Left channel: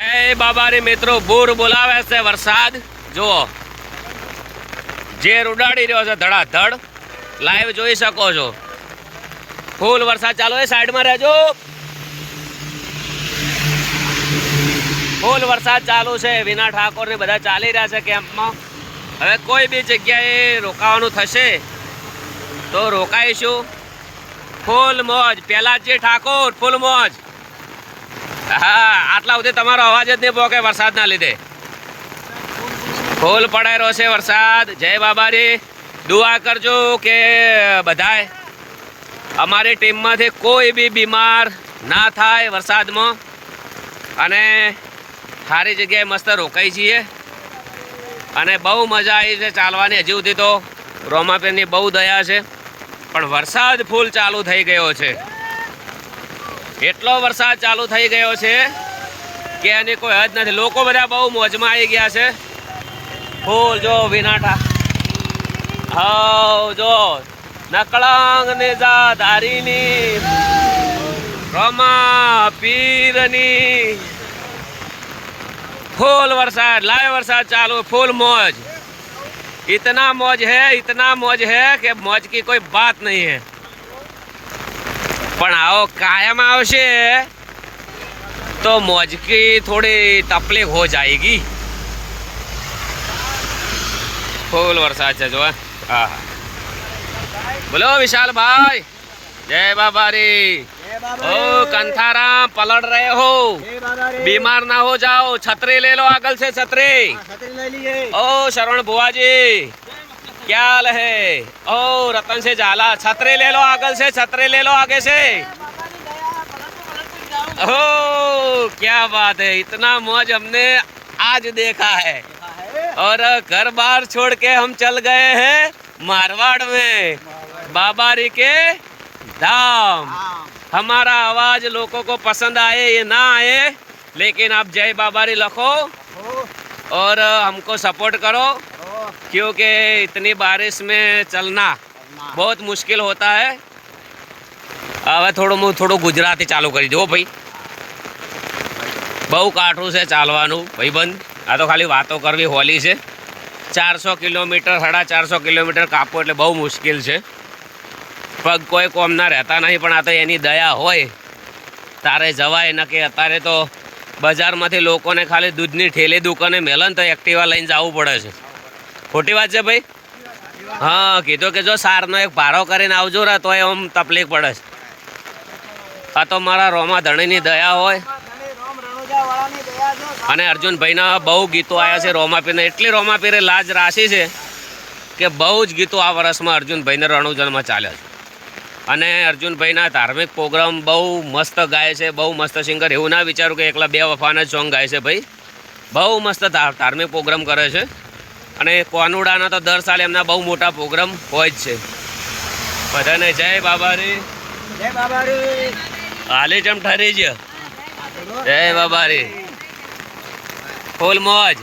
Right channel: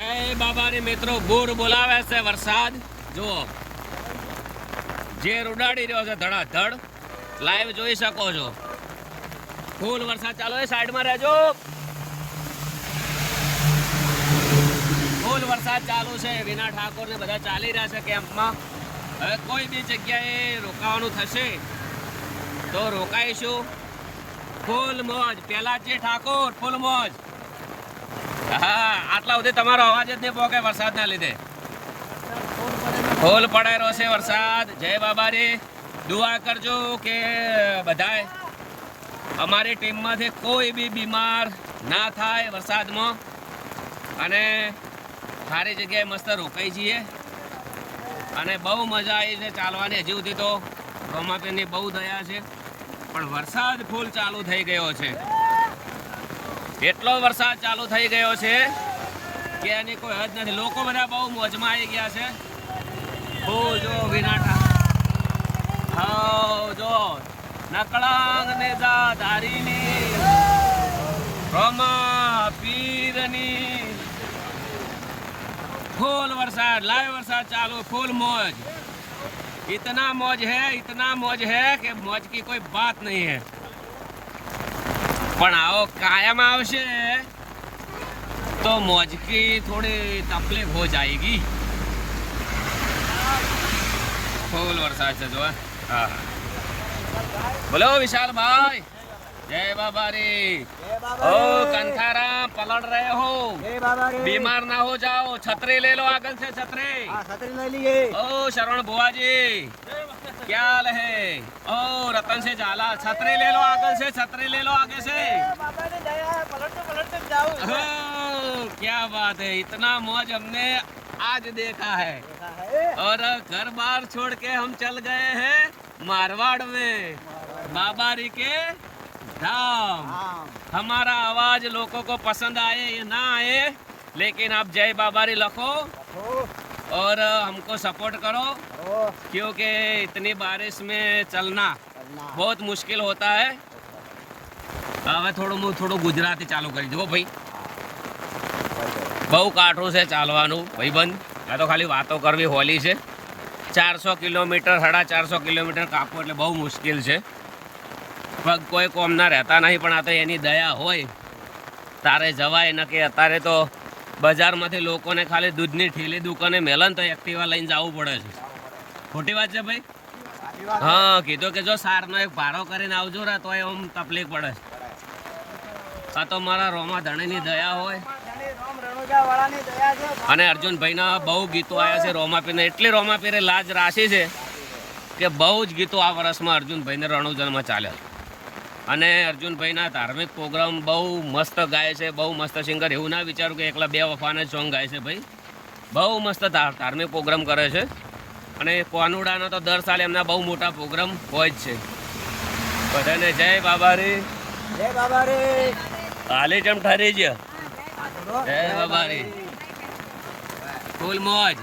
એ બાબા રે મિત્રો બૂર બોલાવે છે વરસાદ જુઓ જે ઉડાડી રહ્યો છે ધડાધડ લાઈવ જોઈ શકો છો ફૂલ વરસાદ ચાલુ છે સાઈડમાં રહેજો ફૂલ વરસાદ ચાલુ છે વિના ઠાકોર ને બધા ચાલી રહ્યા છે કેમ્પમાં હવે કોઈ બી જગ્યાએ રોકાવાનું થશે તો રોકાઈશું ફૂલ મોજ પેલાજી ઠાકોર ફૂલ મોજ હા આટલા સુધી તમારો અવાજ જ નહીં પોકે વરસાદના લીધે ફૂલ પડાઈ રહ્યો છે વરસાદ જય બાબારી દુઆ કરજો કે બધાય અમારી ટીમમાંથી કોઈ બી બીમાર ના થાય વરસાદમાં અને સારી જગ્યાએ મસ્ત રોકાઈ છીએ અને બહુ મજા આવી છે ચાલવાની હજી સુધી તો રોમાપીરની બહુ દયા છે પણ વરસાદ ફૂલ ચાલુ થઈ ગયો છે એટલો વરસાદ ચાલુ થઈ ગયો છે કે એની કોઈ હદ નથી લોકો બધા બહુ મોજમાં આવી ગયા છે ફૂલ જો વિનાટા હા જો નકળંગ ને ધારીની રોમા પીરની फुल वरसाद लाइव वरसाद चालू फुल मौज इतना मौज है कि मौज की कोई बात नहीं है पण आओ कायम आवशे तो मौज की थोड़ी तकलीफ हो जाएगी फुल वरसाद है जो हाँ बोलो विशाल भाई जय बाबा रे ओ कंथाराम पलट रहे हो बीमार ना हो जाओ छतरी ले लो आगल से छतरी ओ शरण बुआ जी क्या हाल है ओ रतन से जाला छतरी ले लो आगल से छतरी ले लो आगे से ओ क्या बात है इतना मौज हमने आज देखा है और घर बार छोड़ के हम चल गए हैं मारवाड़ में बाबारी के धाम हमारा आवाज लोगों को पसंद आए ये ना आए लेकिन आप जय बाबारी लिखो और हमको सपोर्ट करो क्योंकि इतनी बारिश में चलना बहुत मुश्किल होता है હવે થોડું ગુજરાતી ચાલુ કરી દો ભાઈ બહુ કાઠું છે ચાલવાનું ભાઈબંધ આ તો ખાલી વાતો કરવી હોલી છે 400 કિલોમીટર 450 કિલોમીટર કાપો એટલે બહુ મુશ્કેલ છે પગ કોઈ કોમના રહેતા નહીં પણ આ તો એની દયા હોય તારે જવાય ન કે અત્યારે તો બજારમાંથી લોકોને ખાલી દૂધની ઠેલી દુકાને મેલન તો એક્ટિવા લઈને જવું પડે છે ખોટી વાત છે ભાઈ હા કીધું કે જો સારનો એક ભારો કરીને આવજો રે તો એમ તકલીફ પડે છે આ તો મારા રોમા ધણીની દયા હોય અને અર્જુનભાઈના બહુ ગીતો આવ્યા છે રોમાપીરને એટલી રોમાપીરે લાજ રાશી છે કે બહુ જ ગીતો આ વર્ષમાં અર્જુનભાઈને રણુજનમાં ચાલ્યા છે અને અર્જુનભાઈના ધાર્મિક પ્રોગ્રામ બહુ મસ્ત ગાય છે બહુ મસ્ત સિંગર એવું ના વિચારું કે એકલા બે વફાના જ સોંગ ગાય છે ભાઈ બહુ મસ્ત ધાર્મિક પ્રોગ્રામ કરે છે અને કોનુડાના તો દર સાલે એમના બહુ મોટા પ્રોગ્રામ હોય જ છે બધાને જય બાબારી હાલી ચમ ઠરી છે જય બાબારી ફૂલ મોજ